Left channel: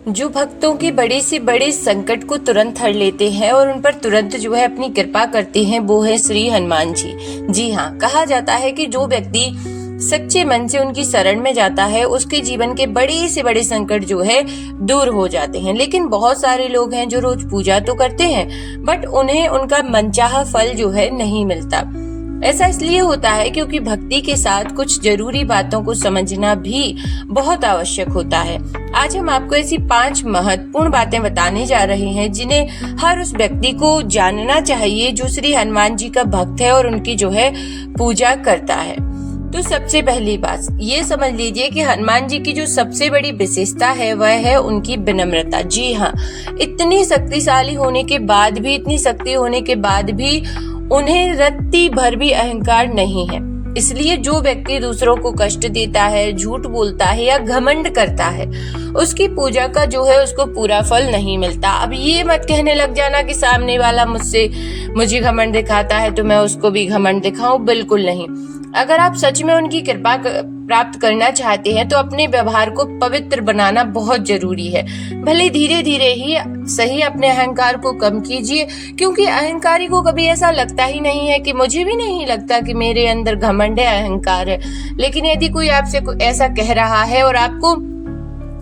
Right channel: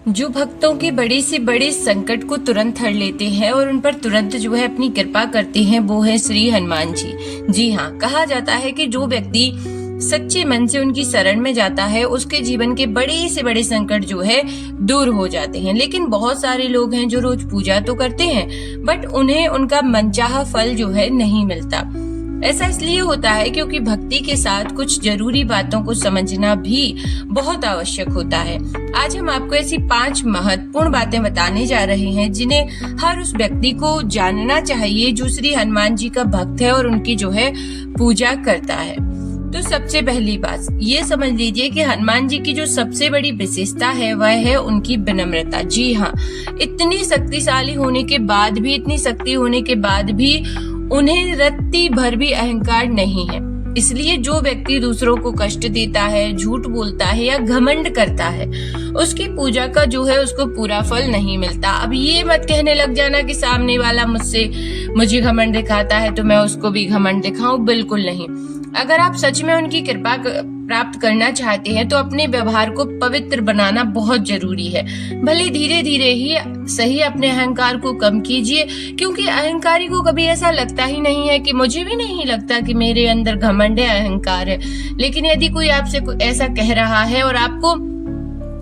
जो भक्तों की बड़े से बड़े संकट को तुरंत हर लेते हैं और उन पर तुरंत जो है अपनी कृपा करते हैं, वो है श्री हनुमान जी। जी हाँ, कहा जाता है कि जो व्यक्ति सच्चे मन से उनकी शरण में जाता है, उसके जीवन के बड़े से बड़े संकट जो है दूर हो जाते हैं। लेकिन बहुत सारे लोग हैं जो रोज पूजा तो करते हैं, बट उन्हें उनका मनचाहा फल जो है नहीं मिलता। ऐसा इसलिए होता है क्योंकि भक्ति के साथ कुछ जरूरी बातों को समझना भी बहुत आवश्यक होता है। आज हम आपको ऐसी 5 महत्वपूर्ण बातें बताने जा रहे हैं जिन्हें हर उस व्यक्ति को जानना चाहिए जो श्री हनुमान जी का भक्त है और उनकी जो है पूजा करता है। तो सबसे पहली बात ये समझ लीजिए कि हनुमान जी की जो सबसे बड़ी विशेषता है वह है उनकी विनम्रता। जी हाँ, इतनी शक्तिशाली होने के बाद भी, इतनी शक्ति होने के बाद भी उन्हें रत्ती भर भी अहंकार नहीं है। इसलिए जो व्यक्ति दूसरों को कष्ट देता है, झूठ बोलता है या घमंड करता है, उसकी पूजा का जो है उसको पूरा फल नहीं मिलता। अब ये मत कहने लग जाना कि सामने वाला मुझे घमंड दिखाता है तो मैं उसको भी घमंड दिखाऊं, बिल्कुल नहीं। अगर आप सच में उनकी कृपा प्राप्त करना चाहते हैं तो अपने व्यवहार को पवित्र बनाना बहुत जरूरी है। भले धीरे धीरे ही सही अपने अहंकार को कम कीजिए, क्योंकि अहंकारी को कभी ऐसा लगता ही नहीं है कि मुझे भी नहीं लगता कि मेरे अंदर घमंड है, अहंकार है। लेकिन यदि कोई आपसे ऐसा कह रहा है और आपको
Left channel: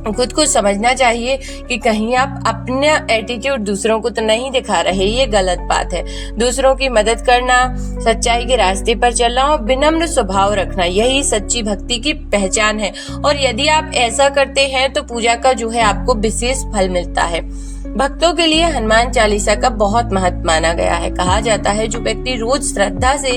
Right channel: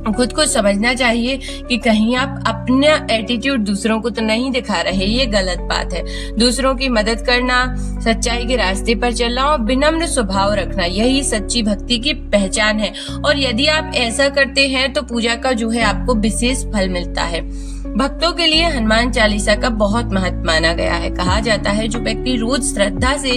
खुद को समझना चाहिए कि कहीं आप अपना एटीट्यूड दूसरों को तो नहीं दिखा रहे, ये गलत बात है। दूसरों की मदद करना, सच्चाई के रास्ते पर चलना और विनम्र स्वभाव रखना, यही सच्ची भक्ति की पहचान है। और यदि आप ऐसा करते हैं तो पूजा का जो है आपको विशेष फल मिलता है। भक्तों के लिए हनुमान चालीसा का बहुत महत्व माना गया है। कहा जाता है जो व्यक्ति रोज श्रद्धा से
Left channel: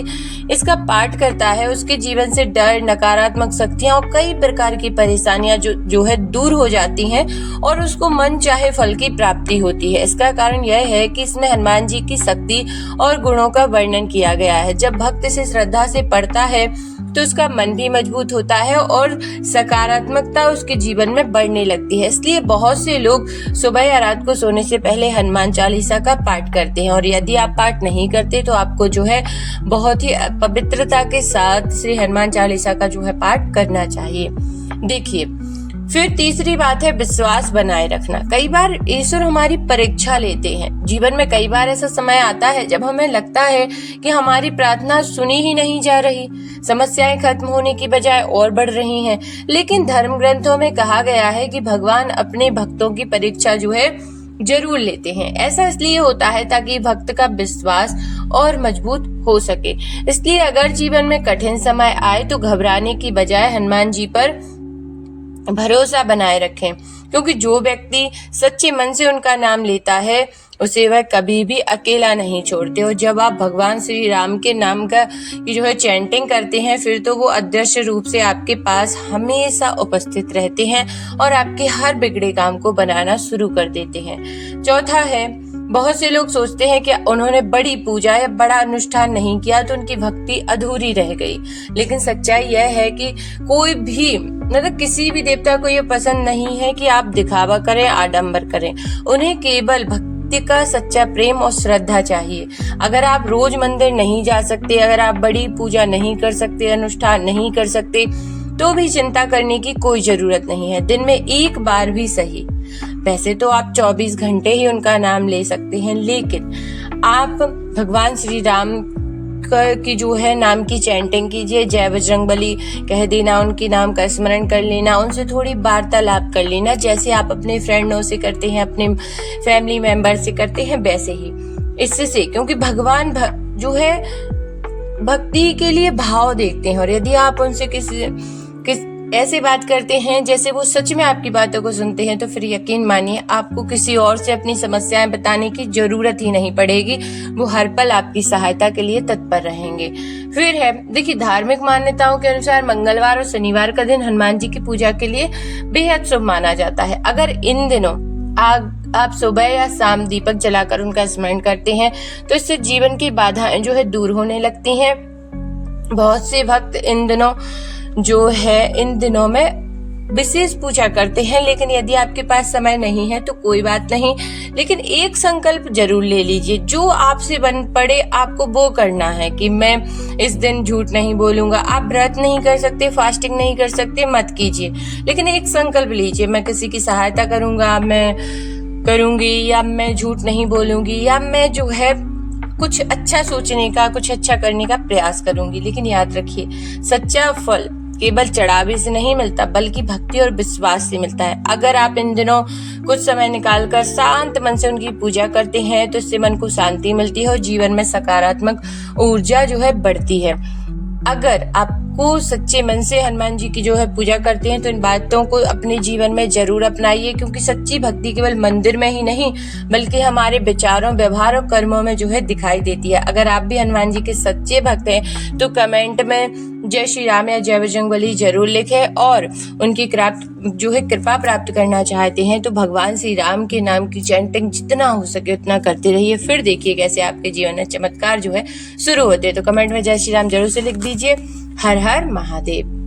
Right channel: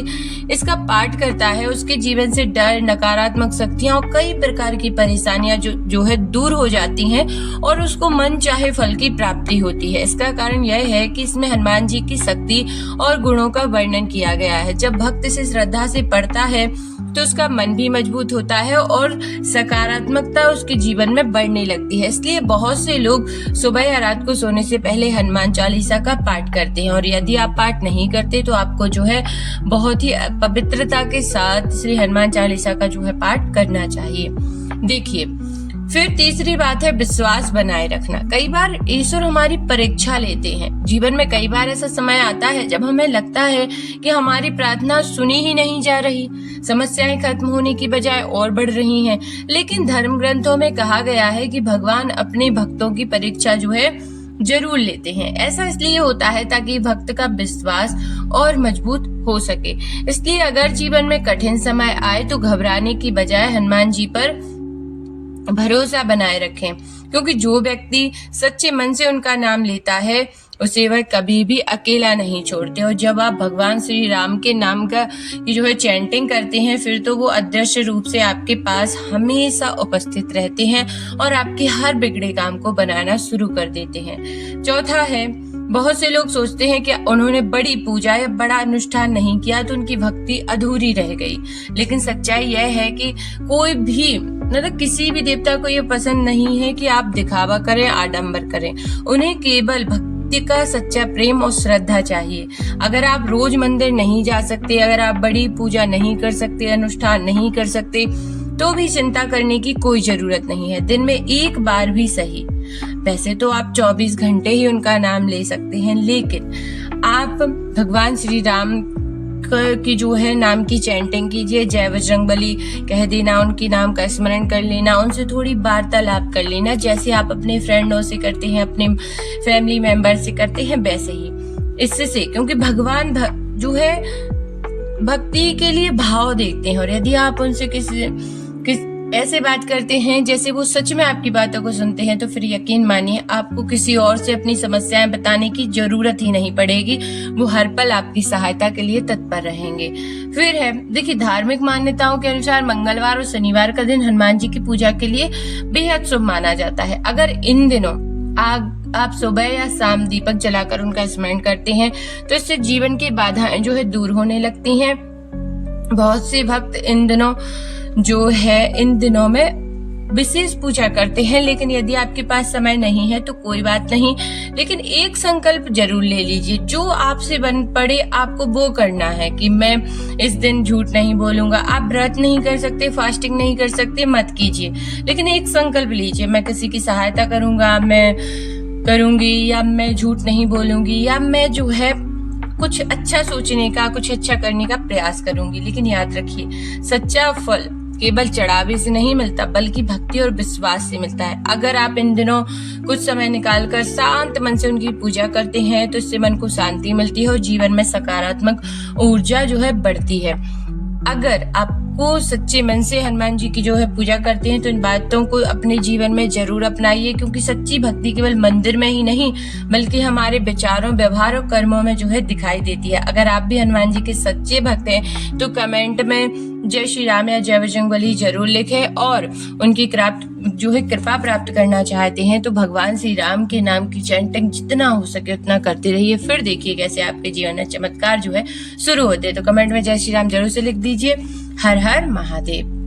इसका पाठ करता है, उसके जीवन से डर, नकारात्मक शक्तियां और कई प्रकार की परेशानियां जो है दूर हो जाती हैं और उसको मन चाहे फल की प्राप्ति होती है। इसका कारण यह है कि इसमें हनुमान जी की शक्ति और गुणों का वर्णन किया गया है। जब भक्त इसे श्रद्धा से पढ़ता है तो उसका मन भी मजबूत होता है और सकारात्मकता उसके जीवन में बढ़ने लगती है। इसलिए बहुत से लोग सुबह या रात को सोने से पहले हनुमान चालीसा का पाठ करते हैं। और यदि आप पाठ नहीं करते तो आपको जो है बहुत ही पवित्रता के साथ श्री हनुमान चालीसा का जो है पाठ करना चाहिए। देखिए, फिर तीसरी बात है विश्वास बनाए रखना। कई बार ईश्वर हमारी परीक्षा लेते हैं। जीवन में कई बार ऐसा समय आता है जब हमें लगता है कि हमारी प्रार्थना सुनी ही नहीं जा रही, समस्याएं खत्म होने की बजाय और बढ़ रही हैं। लेकिन धर्म ग्रंथों में कहा गया है कि भगवान अपने भक्तों की परीक्षा जो है जरूर लेते हैं। ऐसा इसलिए होता है ताकि भक्त का विश्वास और मजबूत हो सके। इसलिए अगर जीवन में कठिन समय आए तो घबराने की बजाय हनुमान जी पर भरोसा बनाए रखें, क्योंकि जो व्यक्ति सच्चे मन से उनका नाम लेता है उसे वह कभी भी अकेला नहीं छोड़ते। और जब आप भगवान श्री राम के नाम का जो है चैंटिंग करते हैं, फिर तो वो अदृश्य रूप से आपके पास हमेशा उपस्थित रहते हैं और आपके हर बिगड़े काम को बनाना शुरू कर देते हैं। चौथा है, बहुत से लोग सोचते हैं कि उन्होंने बड़ी पूजा या बड़ा अनुष्ठान नहीं किया तो उनकी भक्ति अधूरी रह गई। लेकिन सच्चाई यह है कि कोई भी मतलब किसी भी देवता को ये पसंद नहीं है कि आप दिखावा करें, आडंबर करें। उन्हें केवल भक्ति का सच्चा प्रेम और श्रद्धा चाहिए। अगर आप रोज मंदिर नहीं जा सकते, अगर आप बड़ी पूजा नहीं कर सकते, अनुष्ठान नहीं कर सकते, तो भी चिंता करने की कोई जरूरत नहीं है। दिन में एक बार भी सही। वैसे तो आप 24 घंटे ही उनका नाम ले सकते हैं, लेकिन आप भगवान श्री राम की जो है नाम की चैंटिंग कीजिए। जय बजरंगबली कह देना, उनके नाम का स्मरण कर लेना, उनसे थोड़ी वार्तालाप कर लेना, जैसे आप अपने फ्रेंडों से करते हैं, अपने फैमिली मेंबर से करते हैं, वैसे ही इससे क्योंकि भगवान जो है भक्ति के लिए भाव देखते हैं। और यदि आप उनसे किस ऐसे बात करते हैं जैसे वो सच में आपकी बातों को सुनते हैं, तो फिर यकीन मानिए आपको किसी और से अपनी समस्याएं बताने की जरूरत ही नहीं पड़ेगी। वो हर पल आपकी सहायता के लिए तत्पर रहेंगे। फिर है, देखिए, धार्मिक मान्यताओं के अनुसार मंगलवार और शनिवार का दिन हनुमान जी की पूजा के लिए बेहद शुभ माना जाता है। अगर इन दिनों आप सुबह या शाम दीपक जलाकर उनका स्मरण करते हैं तो इससे जीवन की बाधाएं जो है दूर होने लगती हैं। बहुत से भक्त इन दिनों में विशेष पूजा करते हैं। लेकिन यदि आपके पास समय नहीं है तो कोई बात नहीं, लेकिन एक संकल्प जरूर ले लीजिए, जो आपसे बन पड़े आपको वो करना है कि मैं इस दिन झूठ नहीं बोलूंगा। आप व्रत नहीं कर सकते, फास्टिंग नहीं कर सकते, मत कीजिए, लेकिन एक संकल्प लीजिए, मैं किसी की सहायता करूंगा, मैं करूंगी, या मैं झूठ नहीं बोलूंगी, या मैं जो है कुछ अच्छा सोचने का, कुछ अच्छा करने का प्रयास करूंगी। लेकिन याद रखिए, सच्चा फल केवल चढ़ावे से नहीं मिलता, बल्कि भक्ति और विश्वास से मिलता है। अगर आप इन दिनों कुछ समय निकालकर शांत मन से उनकी पूजा करते हैं तो इससे मन को शांति मिलती है और जीवन में सकारात्मक ऊर्जा जो है बढ़ती है। अगर आपको सच्चे मन से हनुमान जी की जो है पूजा करते हैं तो इन बातों को अपने जीवन में जरूर अपनाइए, क्योंकि सच्ची भक्ति केवल मंदिर में ही नहीं बल्कि हमारे विचारों, व्यवहार और कर्मों में जो है दिखाई देती है। अगर आप भी हनुमान जी के सच्चे भक्त हैं तो कमेंट में जय श्री राम या जय बजरंगबली जरूर लिखें, और उनकी कृपा प्राप्त करना चाहते हैं तो भगवान श्री राम के नाम की चैंटिंग जितना हो सके उतना करते रहिए। फिर देखिए कैसे आपके जीवन में चमत्कार जो है शुरू होते हैं। तो कमेंट में जय श्री राम जरूर से लिख दीजिए। हर हर महादेव।